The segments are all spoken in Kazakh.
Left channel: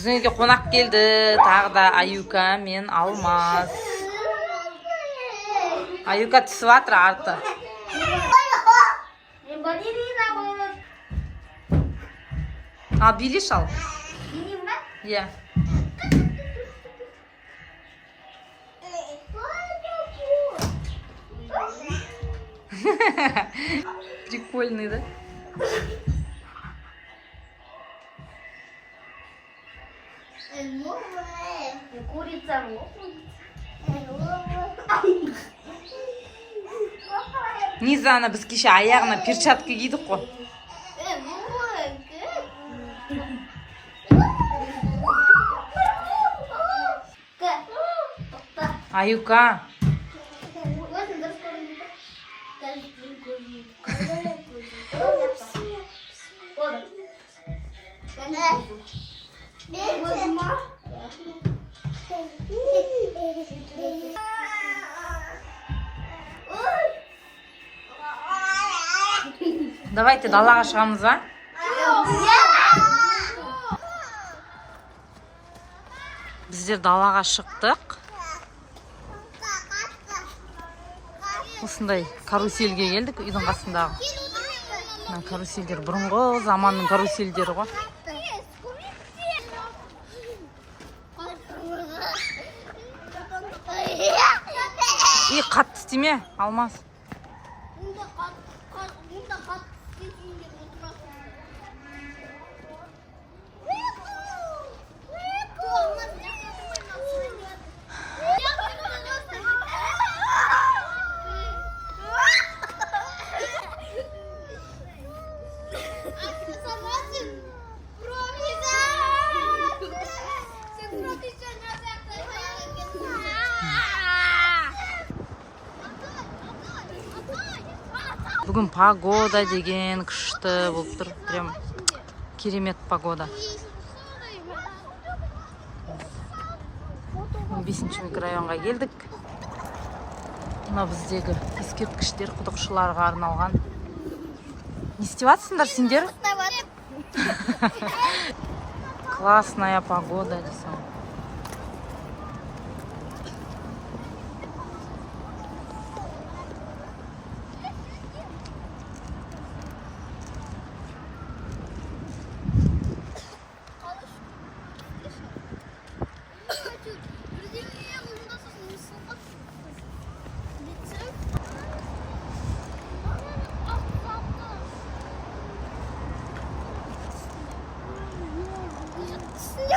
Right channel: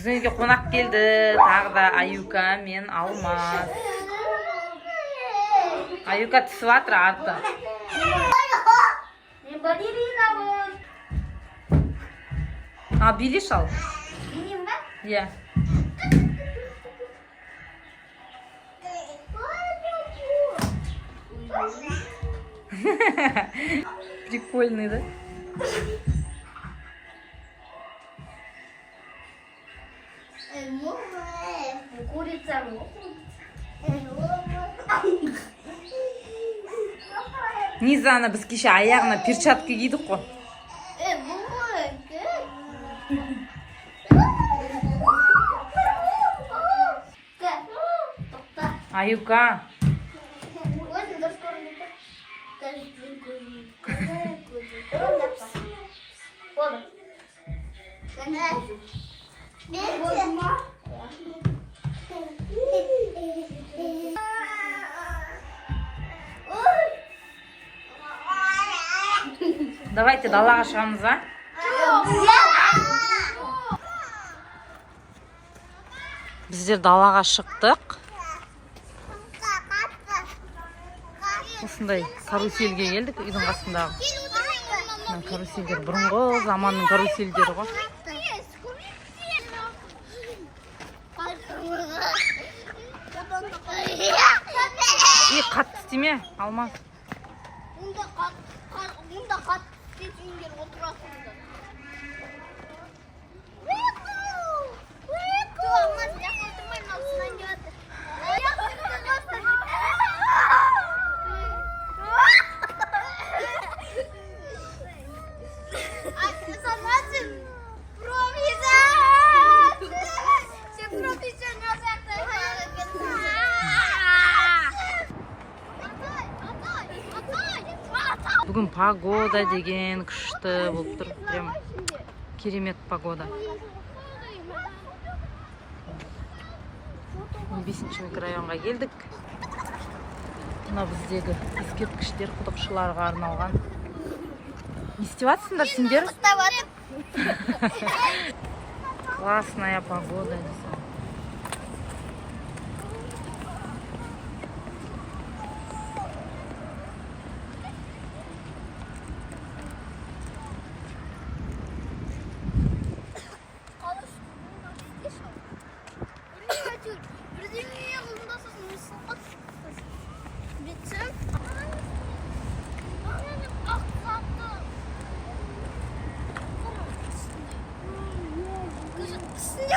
Біздің үйге қонақ келді. Тағы да Аюка мен Алмаз. Аюка түсіп жатыр арты. А, билиш ал. Билейін ба? Иә. Прикольный, да? Курица. Низана біз кеше аяғына перчатка кидік қой. Аюка. Давайте далаға шығамыз ба? Біздер далаға шықтық. Осындай каруселге келдік, үйдің қасындағы. Карусельдер бұрынғы заманның карусельдері ғой. И қатты істеме, Алмаз. Мұнда қатты істесіңдер отырасыңдар. Бүгін погода деген күшті болып тұр. Прям керемет погода. 5-ші микрорайонға келдік. Мына біздегі ескерткіштер құдықшыларға арналған. Не істеп жатсыңдар сендер? Классная погода десем.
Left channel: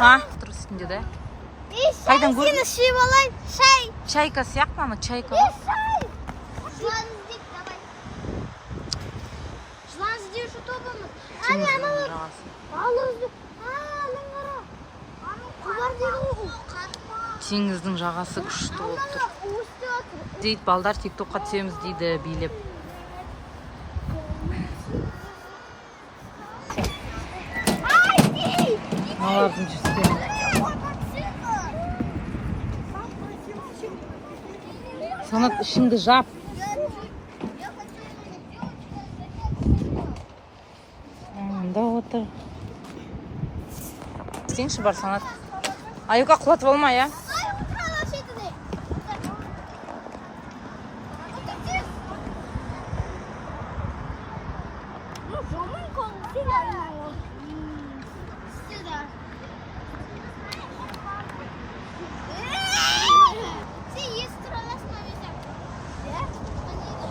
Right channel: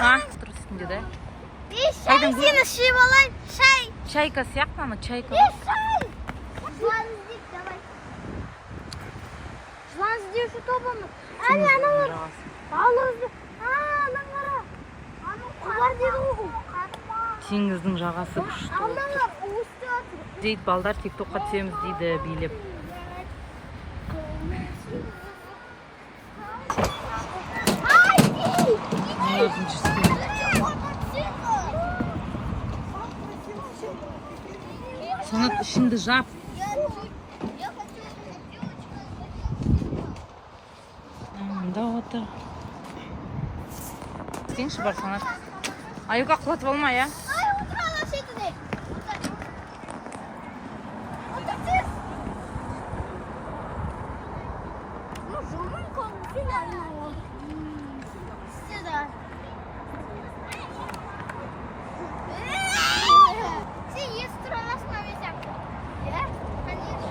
Ha, тұр үстінде да. Қайдан көрдің? Сені шиіп алайын, шай. Чайка сияқты ма? Чайка. Шай. Жылан іздеуші тобымыз. Теңіздің жағасы. Теңіздің жағасы күшті болып тұр. Дейді, балдар тиктокқа түсеміз дейді, билеп. Олардың жүрскен. Санат ішіңді жап. Мында отыр. Істеңші бар Санат. Аюка құлатып алма, я?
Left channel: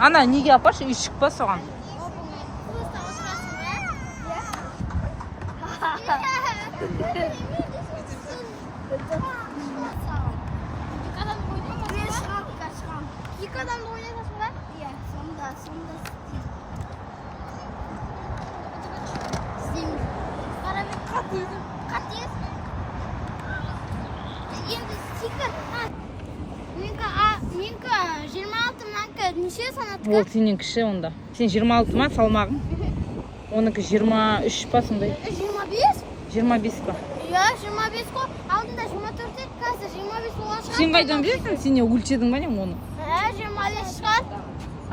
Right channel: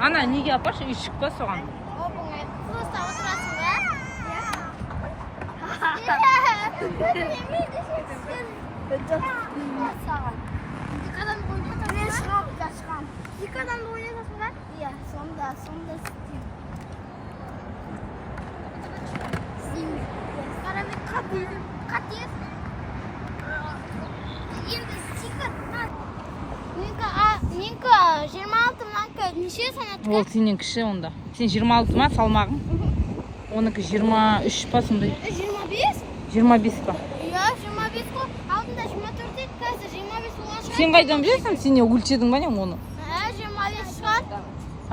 Ана, неге апашы, үй шықпа соған. Просто отырасың ба? Екі адамды ойнатасың ба? Екі адамды ойнатасың ба? Иә, сонда істейміз. Қарамен қатез. Енді стикер. Менкі 26, мынанкі неше санатқа? Ол сенен кіші онда. Сен 26 ма салмағың? Оныкі 23 па сондай? 25? 25 па? Иә, 25 қой. Алдында 24 еді, қазір 25 болған шығар. Сен қайдан білесің? Сен не өлшедің ба не оны? 25 шығар. А?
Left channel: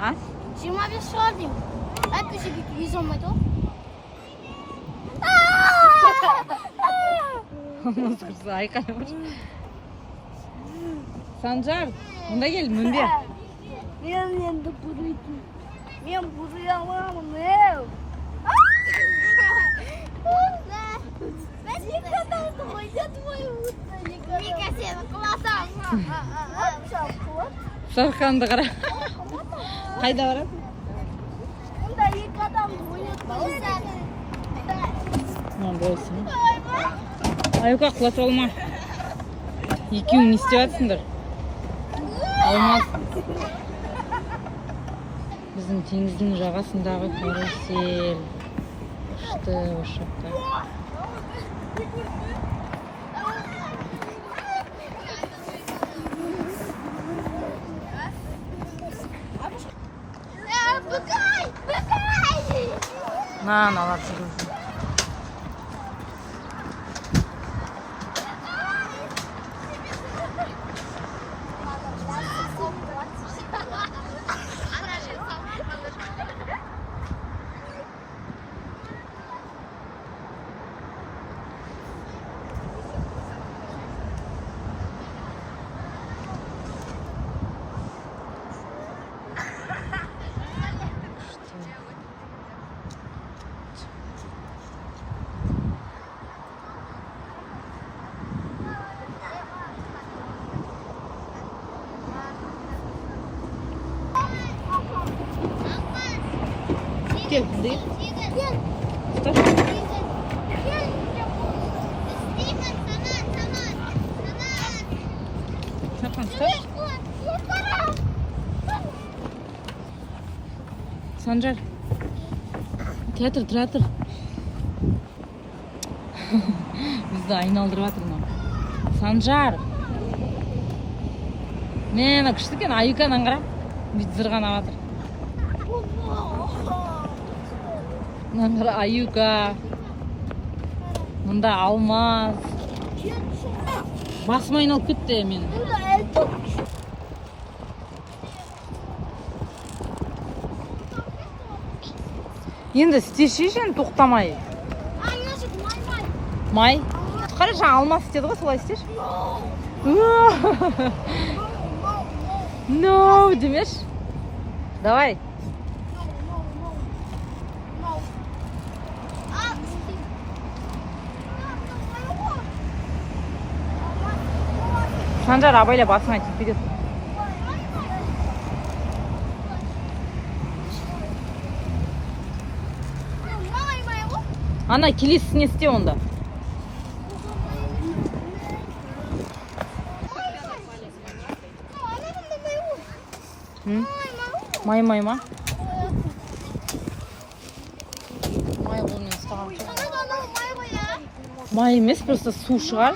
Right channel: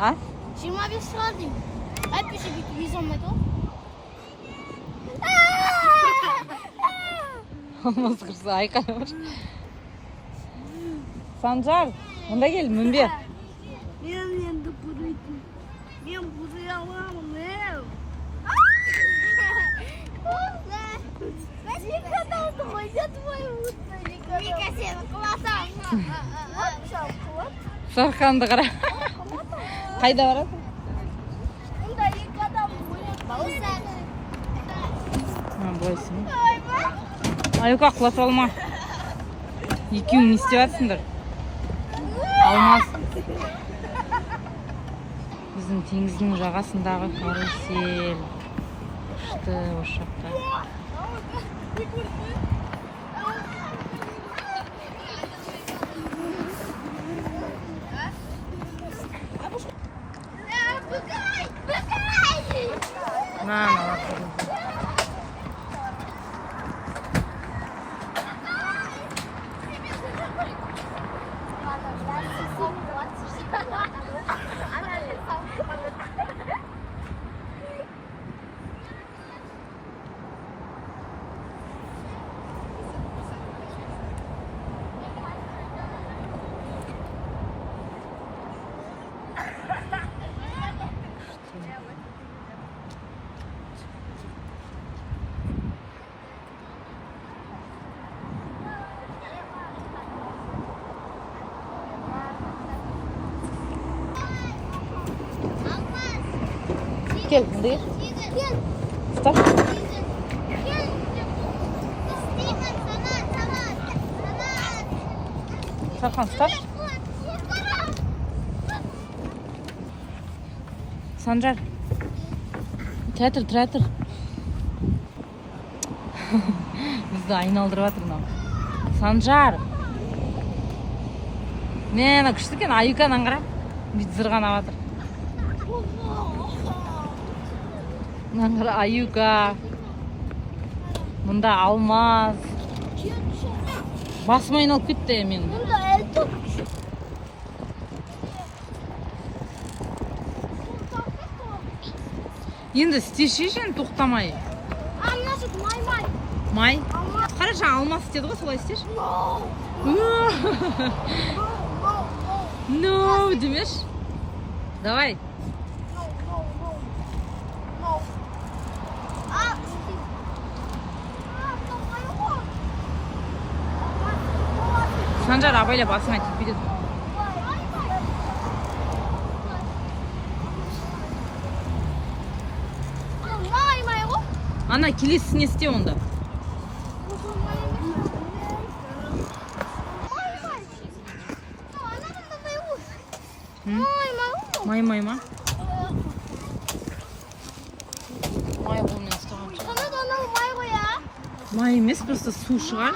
25 шығар деймін. Әйтпесе бүйтіп ез алмайды ғой. алмаз кырса айкалып. Санжар, мында кел, мінбе. Мен енді бұдайтын. Мен бұдай аламын, Ben yıkadandı oynatmayı unuttum. Yıka seni kılatam. Sarkandı қара. Қайда барасың? Onda yıkadan oynatmayı. Бойсын. Аюка, құлатып алма. Екеуің не істеп жатсыңдар? Алмаз. Біздің теңіздің жағасындағы карусел. Күшті осы жақта. Алар жүргізді. Gel, değil. Gel. Tutar. Gel. Şakan tutar. Sancar. Teatr. Bizді айналдырып жатыр мынау. Санжар. Мені күшті екен, Аюкадан қара. Бүйтіп зырғанап жатыр. Мынаны қара, Аюка. Мұнда Алмаз. Басым айналып кетті мен. Burada el top. Енді істешешін тоқтамай. Anlaşık may. Май. Қара, жаңа Алмаз істеді ғой, солай істеші. No, демеш. Давай. Санжар, абайла басыңа тиіп кетеді. Ана келесісіне істе онда. Май ма? Май қолмен ұстаған шығар. Май емес, просто су шығар.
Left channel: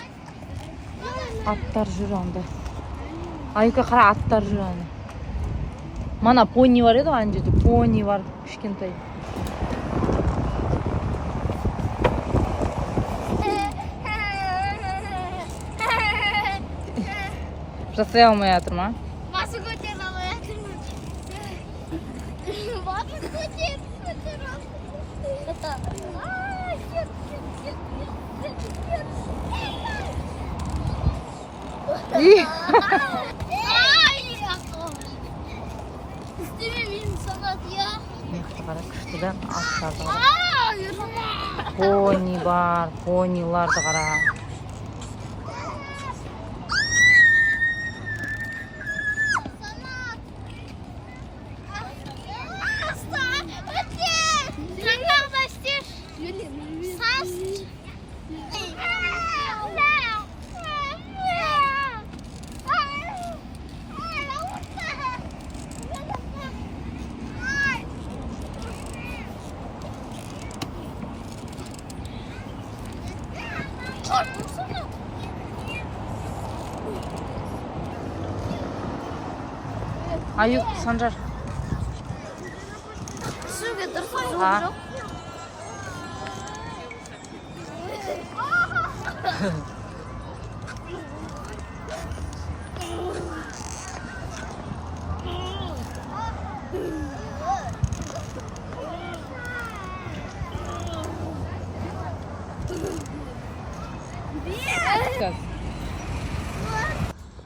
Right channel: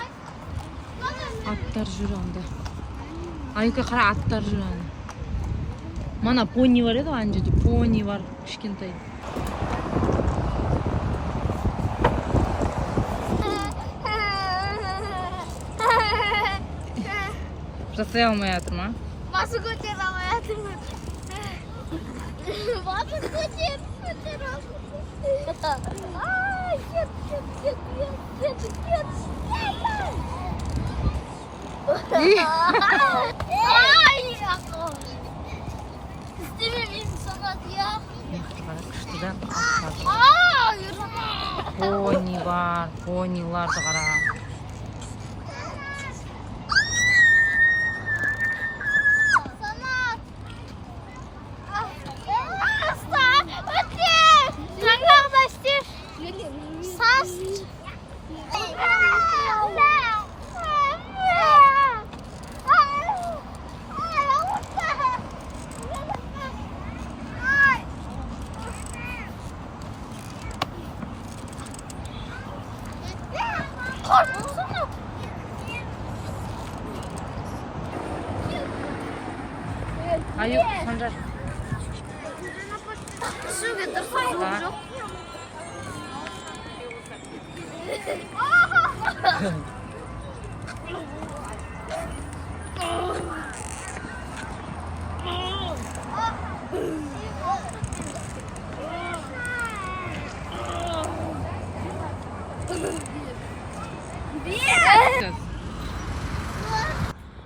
Аттар жүр анда. Аюка қара, аттар жүр анда. Мана пони бар еді, ана жерде пони бар, кішкентай. Жасай алмай жатыр ма? Басы көтер алмай жатыр ма? Басы көтер Пони бар, пониларды қара. Аюк, Санжар. Ha.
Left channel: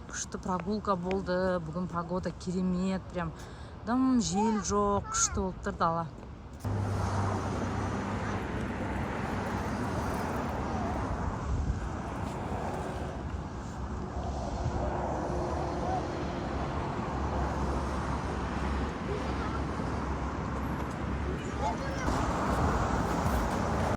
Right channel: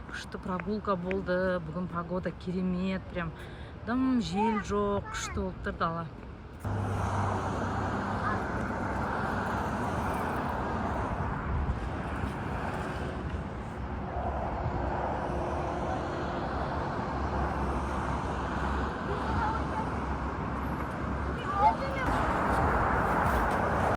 Күшті прогулка болды. Бүгін погода керемет. Прям дым жел жоқ. Күшті болып тұр дала.